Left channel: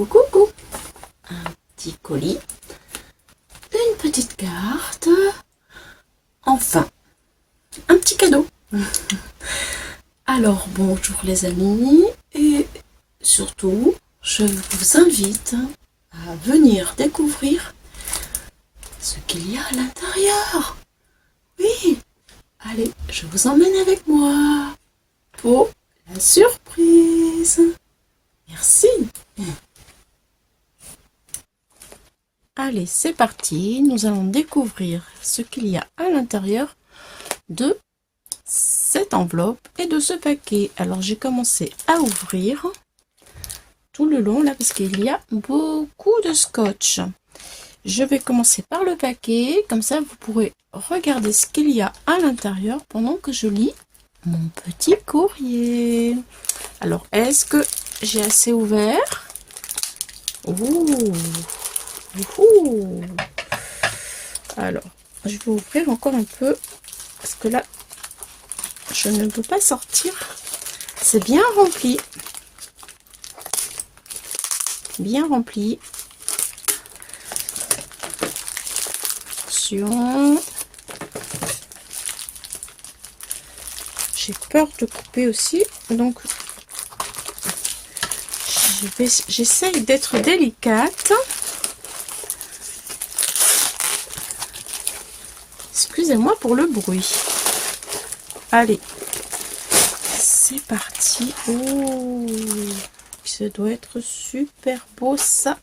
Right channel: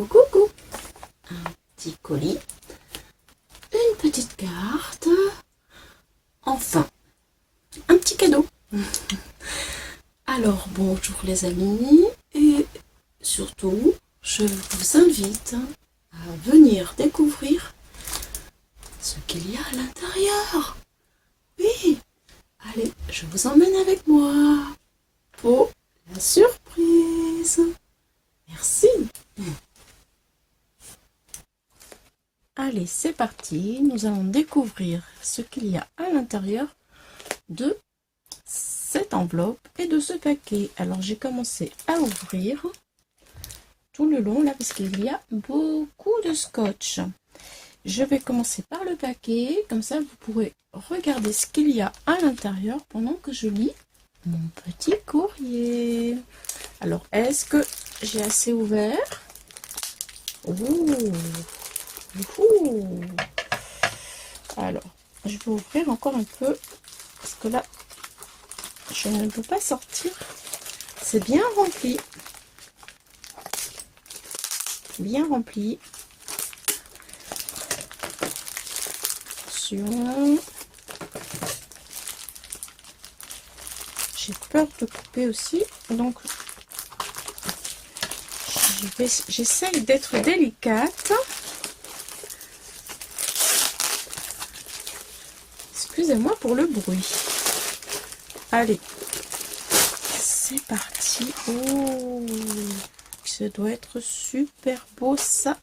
Coucou, coucou. Un petit colis, une petite carte, enfin, un petit cadeau. Alors, bonjour les amis, et surtout, je vous invite à venir découvrir ce qu'il y a à l'intérieur. Oui, allez, je vous emmène avec moi pour la surprise. Merci. Allez, c'est parti. Nous allons découvrir ce qu'il y a à l'intérieur de cette enveloppe et de ce paquet. Alors, j'ai commencé à ouvrir tout le long là parce qu'il y a beaucoup de scotch. Je vais commencer par le paquet. Comme ça, vous pourrez regarder ce qu'il y a à l'intérieur pendant que je lis mon petit courrier. Alors, est-ce que j'ai assez ouvert? Ouh. Ouh. Alors, je vais ouvrir encore un peu parce que là, je ne peux pas sortir. C'est bien rempli. Bien rempli. Attention. J'ai peur de couper aussi, donc j'essaye d'être délicate. Excusez-moi pour le bruit. Allez, c'est parti. Oh, ça doit être super beau ça.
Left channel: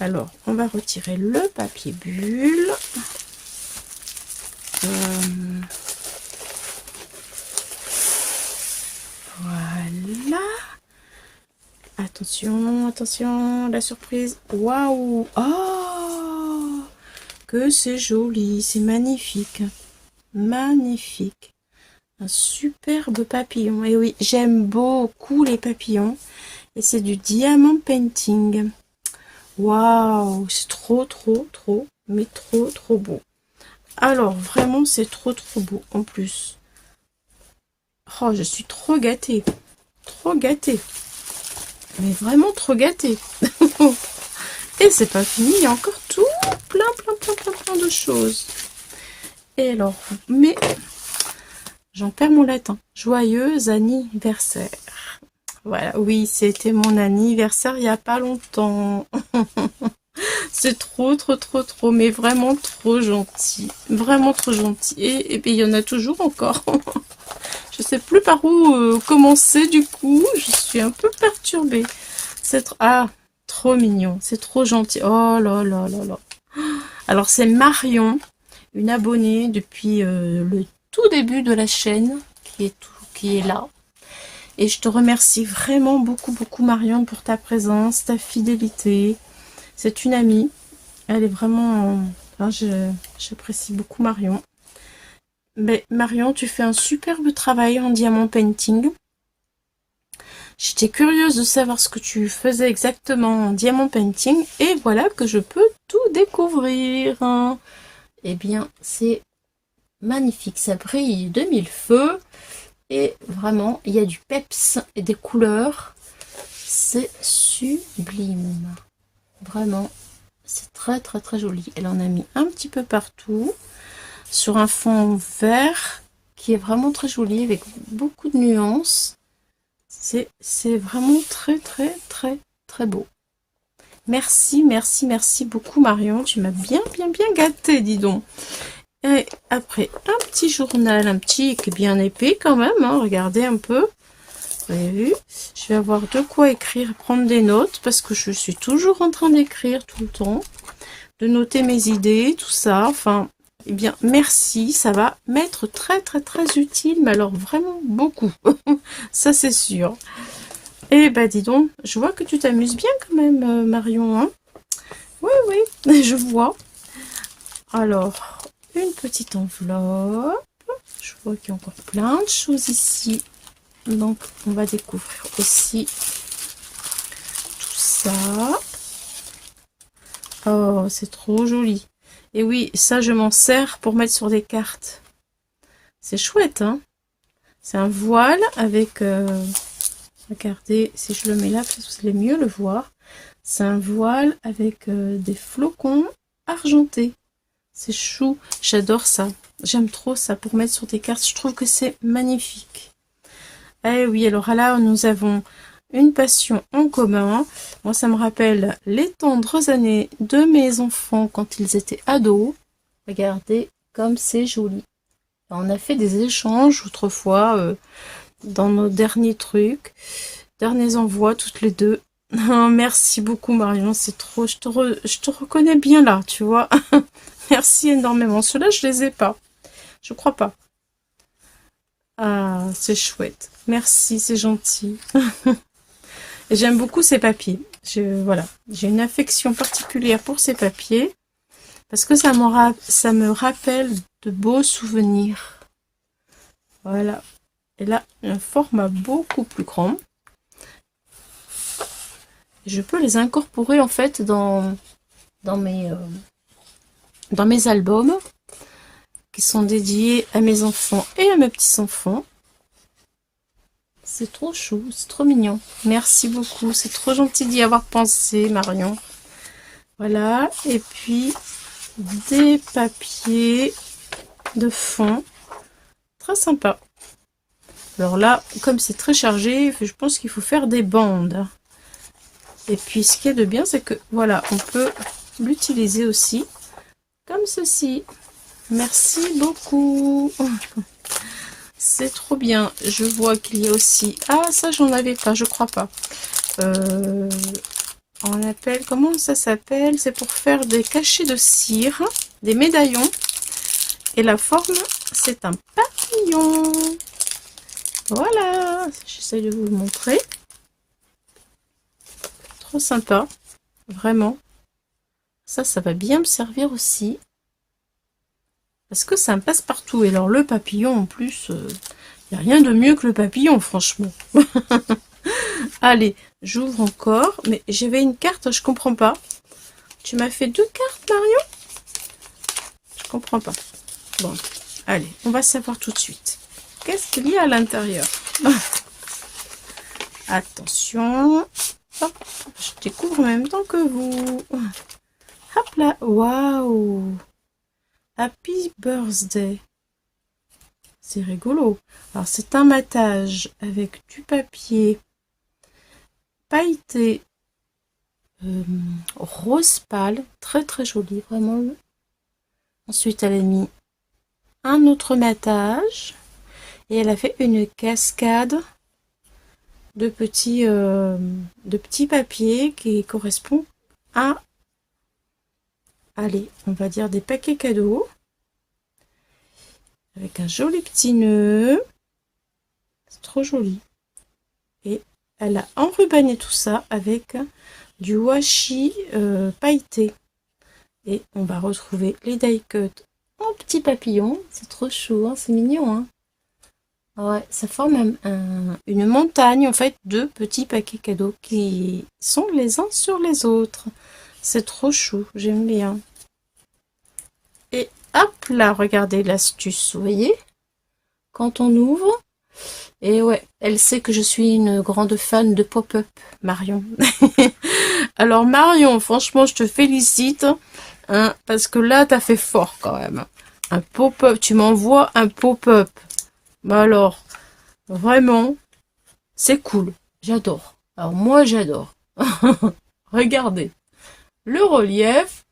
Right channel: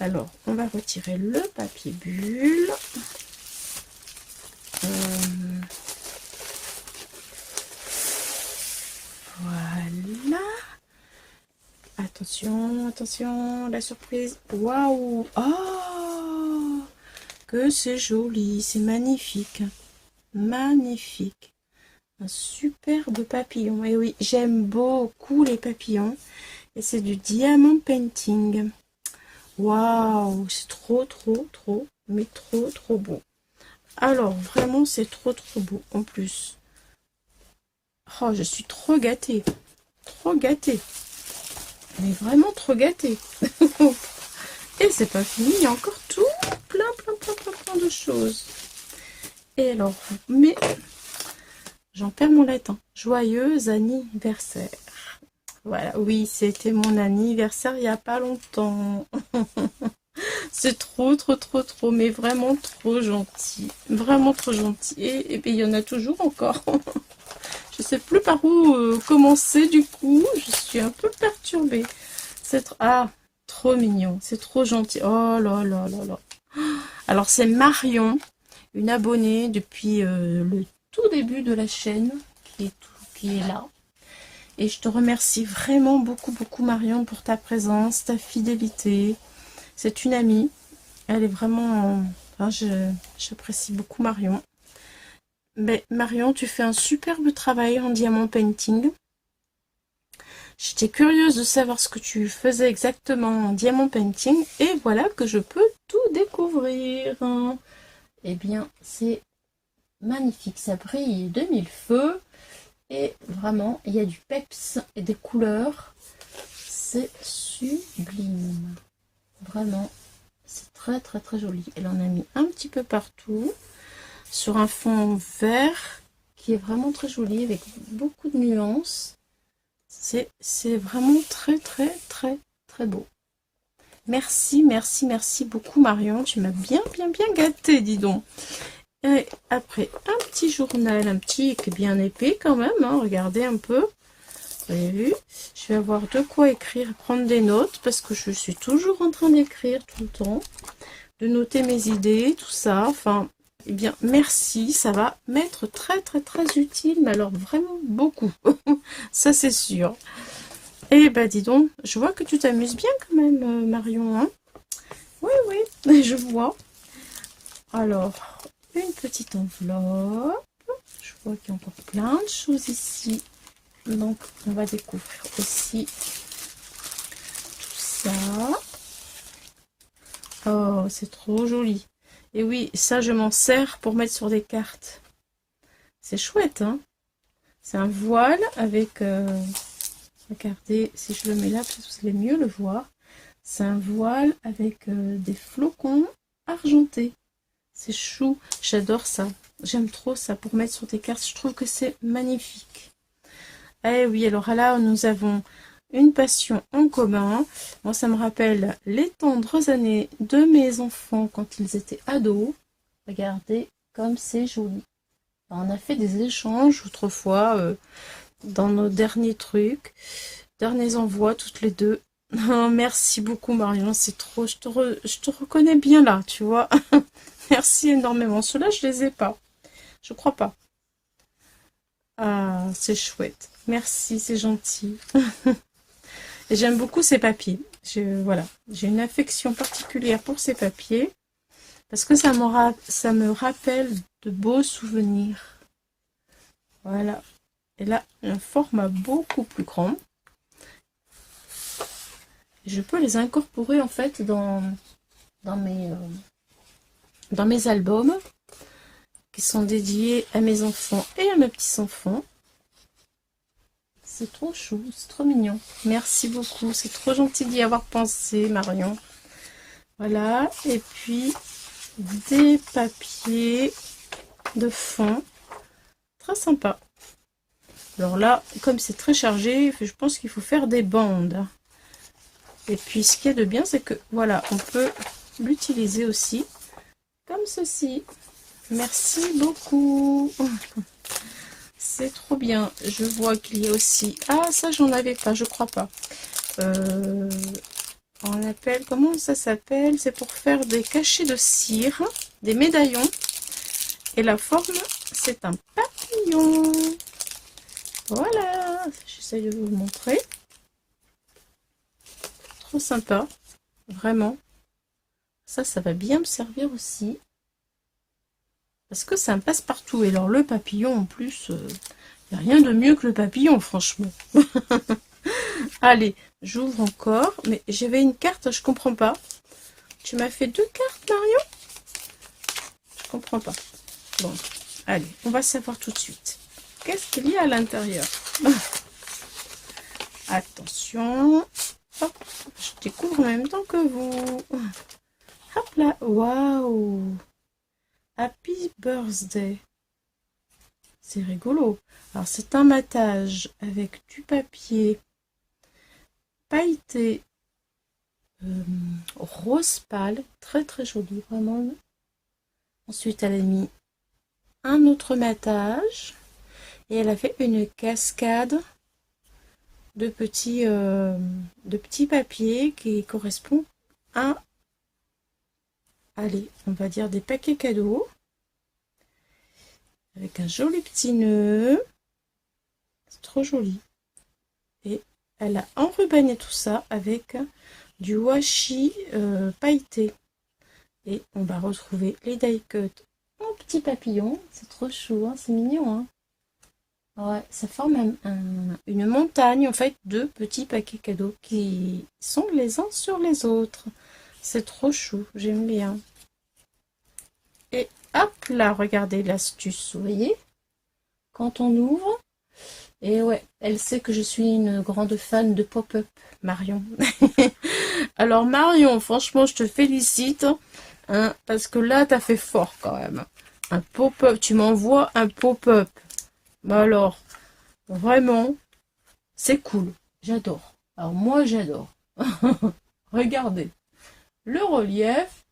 Alors, on va retirer le papier bulle. Voilà. Attention, attention, la surprise. Waouh! Oh! Que c'est joli, c'est magnifique. Magnifique. Un superbe papillon. Et oui, j'aime beaucoup les papillons. Et c'est du diamant painting. Waouh, c'est trop, mais trop beau. Alors, vraiment, c'est trop beau en plus. Oh, je suis trop gâtée. Trop gâtée. Mais vraiment trop gâtée. Et c'est pas fini, il y a encore tout plein de choses. Et alors, mais j'en perds mon latin. Joyeux anniversaire. Voilà, oui, c'était mon anniversaire il n'y a pas longtemps. C'est trop, mais vraiment trop gentil. Vraiment trop gentil. Et puis, il y en a toujours encore. Je sais plus par où commencer du coup. Je suis un peu perturbée. Ah, trop mignon. C'est trop gentil. Oh là là là là. Alors, c'est Marion, une abonnée depuis le tout début de la chaîne qui est là. Et je te remercie vraiment beaucoup Marion pour ta présence, ta fidélité. C'est une amie. Elle est vraiment... Enfin, j'apprécie beaucoup Marion. Mais Marion, tu fais un superbe travail en diamant painting. J'étais curieuse de savoir ce que tu faisais exactement en diamant painting. Et voilà que je peux tout découvrir. Eh bien, c'est magnifique. Ça brille de mille feux. Et vraiment, il y a du peps et des couleurs. C'est sublime. Vraiment, c'est très joli. Elle en a mis un petit peu partout. Sur un fond vert qui est vraiment très joli avec beaucoup de nuances. C'est vraiment très beau. Merci beaucoup Marion. Tu m'as bien gâtée, dis donc. Et après, un petit journal, un petit qui est bien épais quand même, hein, regardez un peu. Vous avez vu? Je vais avoir de quoi écrire, prendre des notes, parce que je suis toujours en train d'écrire tout le temps, de noter mes idées, tout ça. Enfin, eh bien, merci, ça va m'être très utile, mais alors vraiment beaucoup. Ça, c'est sûr. Et bah, dis donc, je vois que tu t'amuses bien quand même, Marion, hein? Oui, je vois. Alors... une petite enveloppe. Je vois qu'il y a encore plein de choses ici. Donc, on va découvrir aussi tout ça. Oh, c'est trop joli. Et oui, ça, je m'en sers pour mettre sur des cartes. C'est chouette, hein? C'est un voile avec... regardez, si je le mets là, peut-être que vous allez mieux le voir. C'est un voile avec des flocons argentés. C'est chou, j'adore ça. J'aime trop ça pour mettre sur des cartes. Je trouve que c'est magnifique. Eh oui, alors là, nous avons une passion en commun. Moi, ça me rappelle les tendres années de mes enfants quand ils étaient ados. Regardez comme c'est joli. On a fait des échanges autrefois dans nos derniers trucs, derniers envois toutes les deux. Oh, merci beaucoup Marion, c'est trop, je te reconnais bien là, tu vois. Merci énormément. Ceux-là, je les ai pas. Je crois pas. Ah, c'est chouette. Merci, c'est gentil. Et j'aime beaucoup ces papiers. Voilà, j'ai une affection particulière pour ces papiers parce que ça me rappelle de beaux souvenirs. Voilà. Et là, un format beaucoup plus grand. Je peux les incorporer en fait dans mes albums qui sont dédiés à mes enfants et à mes petits-enfants. C'est trop chou, c'est trop mignon. Merci beaucoup, c'est trop gentil d'y avoir pensé, Marion. Voilà, et puis des papiers de fond. Très sympa. Alors là, comme c'est très chargé, je pense qu'il faut faire des bandes. Et puis ce qui est de bien, c'est que voilà, on peut l'utiliser aussi comme ceci. Merci beaucoup. C'est trop bien. Je vois qu'il y a aussi... Ah, ça, j'en avais pas, je crois pas. On appelle... Comment ça s'appelle? C'est pour faire des cachets de cire, des médaillons. Et la forme, c'est un papillon. Voilà. J'essaie de vous le montrer. Trop sympa. Vraiment. Ça va bien me servir aussi. Parce que c'est un passe-partout. Et alors le papillon en plus, il n'y a rien de mieux que le papillon, franchement. Allez, j'ouvre encore. Mais j'avais une carte, je comprends pas. Tu m'as fait 2 cartes, Marion? Je comprends pas. Bon, allez, on va savoir tout de suite. Qu'est-ce qu'il y a à l'intérieur? Attention. Hop, je découvre en même temps que vous. Hop là, waouh! Happy Birthday. C'est rigolo. Alors, c'est un matage avec du papier pailleté rose pâle. Très, très joli, vraiment. Ensuite, elle a mis un autre matage. Et elle a fait une cascade de petits papiers qui correspondent à... Allez, on va dire des paquets cadeaux. Avec un joli petit nœud. C'est trop joli. Et elle a enrubanné tout ça avec du washi pailleté. Et on va retrouver les die cut en petits papillons. C'est trop chou, hein, c'est mignon. Hein. Ouais, ça forme une montagne en fait de petits paquets cadeaux qui sont les uns sur les autres. C'est trop chou, j'aime bien. Et hop là, regardez l'astuce, vous voyez? Quand on ouvre, et ouais, elle sait que je suis une grande fan de pop-up, Marion. Alors Marion, franchement, je te félicite, hein, parce que là, t'as fait fort quand même. Un pop-up, tu m'envoies un pop-up. Bah alors, vraiment, c'est cool, j'adore. Alors moi, j'adore. Regardez, le relief.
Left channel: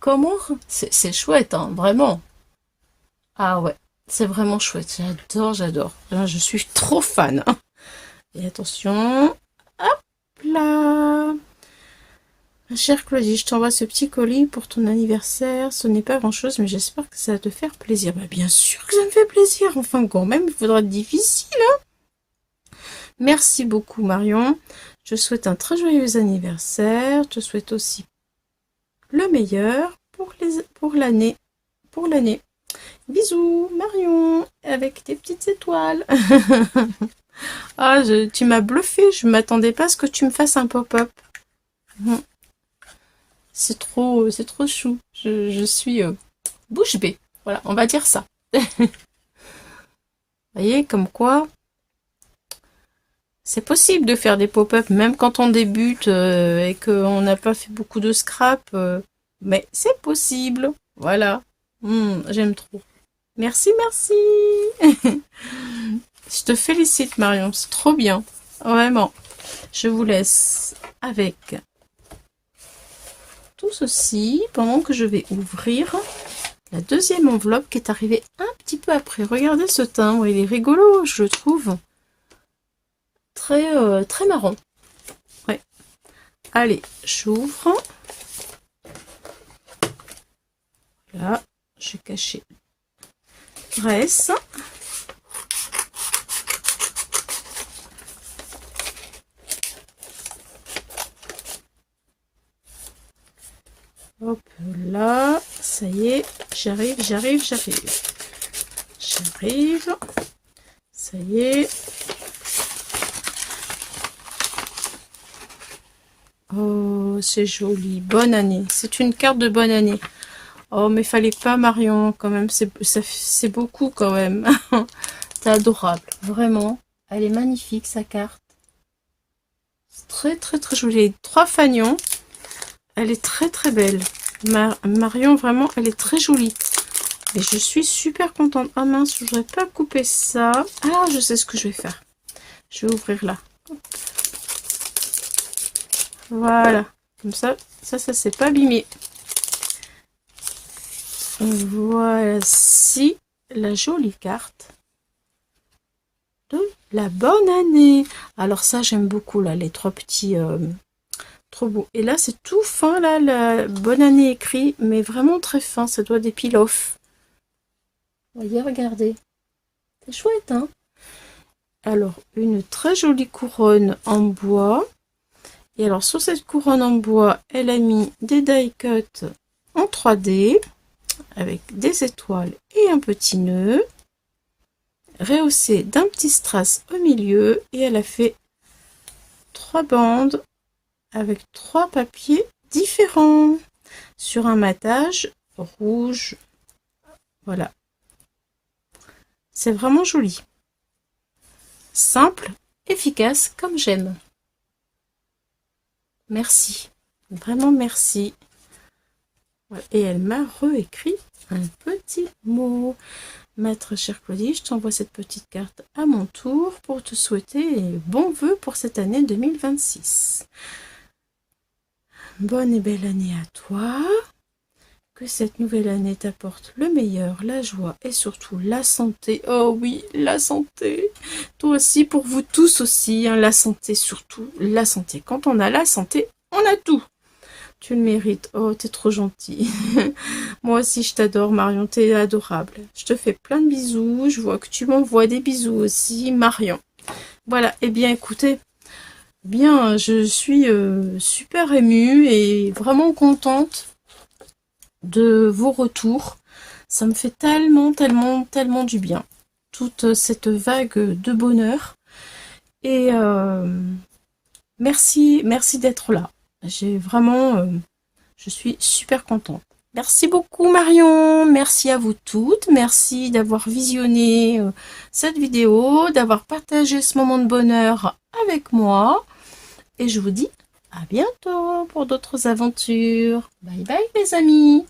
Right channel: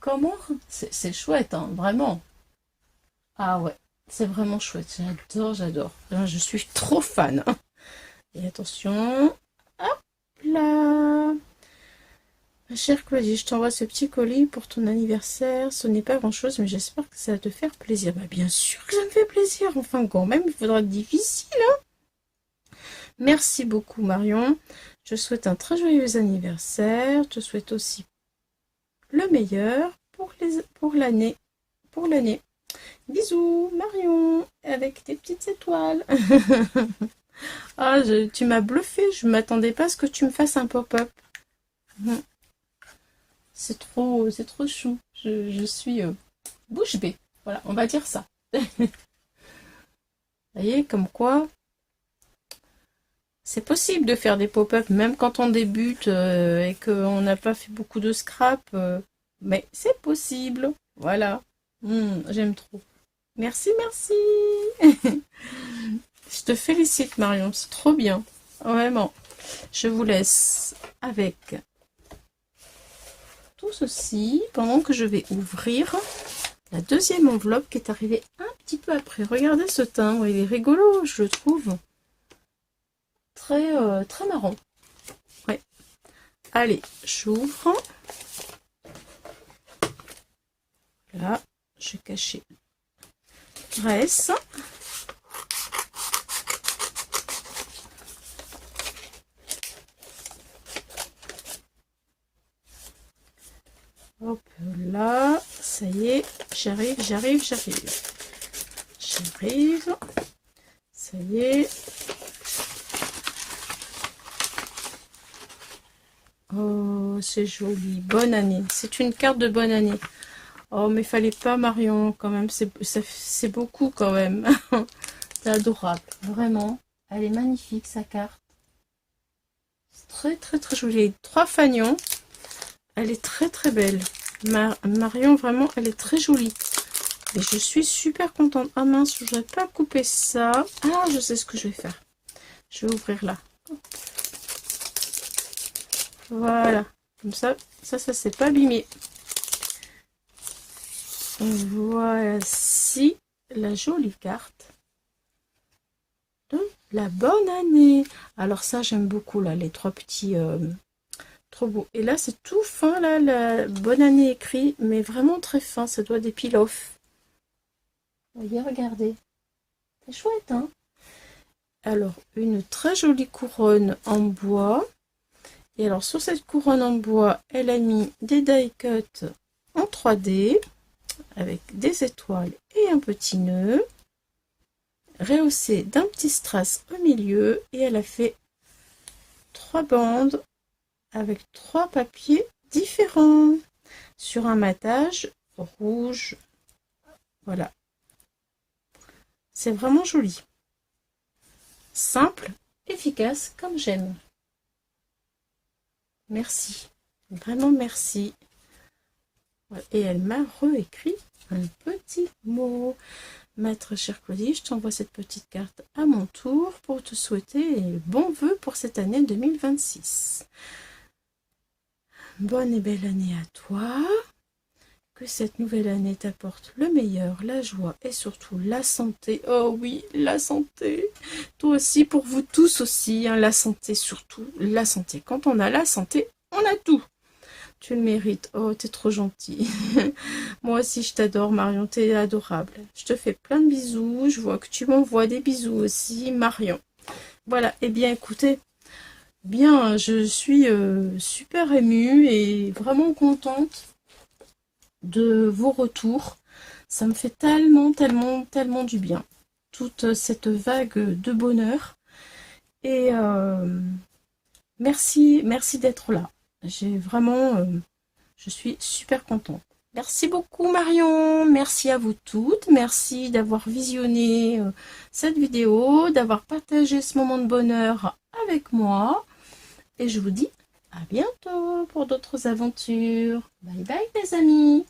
Comment? C'est chouette, hein, vraiment. Ah ouais, c'est vraiment chouette. J'adore, j'adore. Je suis trop fan. Hein. Et attention. Hop là. Ma chère Claudie, je t'envoie ce petit colis pour ton anniversaire. Ce n'est pas grand-chose, mais j'espère que ça va te faire plaisir. Bah, bien sûr que ça me fait plaisir. Enfin, quand même, il faudra être difficile. Hein. Merci beaucoup, Marion. Je souhaite un très joyeux anniversaire. Je te souhaite aussi le meilleur pour l'année. Bisous, Marion, avec des petites étoiles. Ah, tu m'as bluffé, je ne m'attendais pas à ce que tu me fasses un pop-up. C'est trop chou. Je suis bouche bée. Voilà, on va dire ça. Vous voyez, comme quoi, C'est possible de faire des pop-up, même quand on débute et qu'on n'a pas fait beaucoup de scrap. Mais c'est possible. Voilà. J'aime trop. Merci, merci. Je te félicite, Marion. C'est trop bien. Vraiment. Je vous laisse avec tout ceci pendant que je vais ouvrir la deuxième enveloppe qui est arrivée un petit peu après. Regardez ce timbre, il est rigolo, je le trouve. Très marrant. Ouais. Allez, j'ouvre. Là, je vais cacher le reste. Hop là, ça y est, j'arrive. Ça y est. Oh, c'est joli. Bonne année. C'est une carte de bonne année. Oh, mais fallait pas, Marion, quand même. C'est beaucoup, quand même. C'est adorable. Vraiment. Elle est magnifique, sa carte. C'est très joli. 3 fanions. Elle est très belle. Marion, vraiment, elle est très jolie. Et je suis super contente. Ah mince, je voudrais pas couper ça. Ah, je sais ce que je vais faire. Je vais ouvrir là. Voilà. Comme ça s'est pas abîmé. Et voici la jolie carte de la bonne année. Alors ça, j'aime beaucoup, là, les 3 petits... trop beau. Et là, c'est tout fin, là, la bonne année écrit, mais vraiment très fin. Ça doit des peel-off. Vous voyez, regardez. C'est chouette, hein? Alors, une très jolie couronne en bois. Et alors, sur cette couronne en bois, elle a mis des die cut en 3D, avec des étoiles et un petit nœud, rehaussé d'un petit strass au milieu, et elle a fait 3 bandes avec 3 papiers différents sur un matage rouge. Voilà, c'est vraiment joli, simple, efficace, comme j'aime. Merci, vraiment merci. Et elle m'a réécrit un petit mot. Ma très chère Claudie, je t'envoie cette petite carte à mon tour pour te souhaiter bons vœux pour cette année 2026. Bonne et belle année à toi. Que cette nouvelle année t'apporte le meilleur, la joie et surtout la santé. Oh oui, la santé. Toi aussi, pour vous tous aussi, hein, la santé surtout, la santé. Quand on a la santé, on a tout. Tu le mérites. Oh, t'es trop gentil. Moi aussi, je t'adore, Marion. T'es adorable. Je te fais plein de bisous. Je vois que tu m'envoies des bisous aussi, Marion. Voilà. Eh bien, écoutez, bien, je suis super émue et vraiment contente de vos retours. Ça me fait tellement du bien. Toute cette vague de bonheur. Et merci d'être là. J'ai vraiment... je suis super contente. Merci beaucoup Marion, merci à vous toutes, merci d'avoir visionné cette vidéo, d'avoir partagé ce moment de bonheur avec moi. Et je vous dis à bientôt pour d'autres aventures. Bye bye les amis.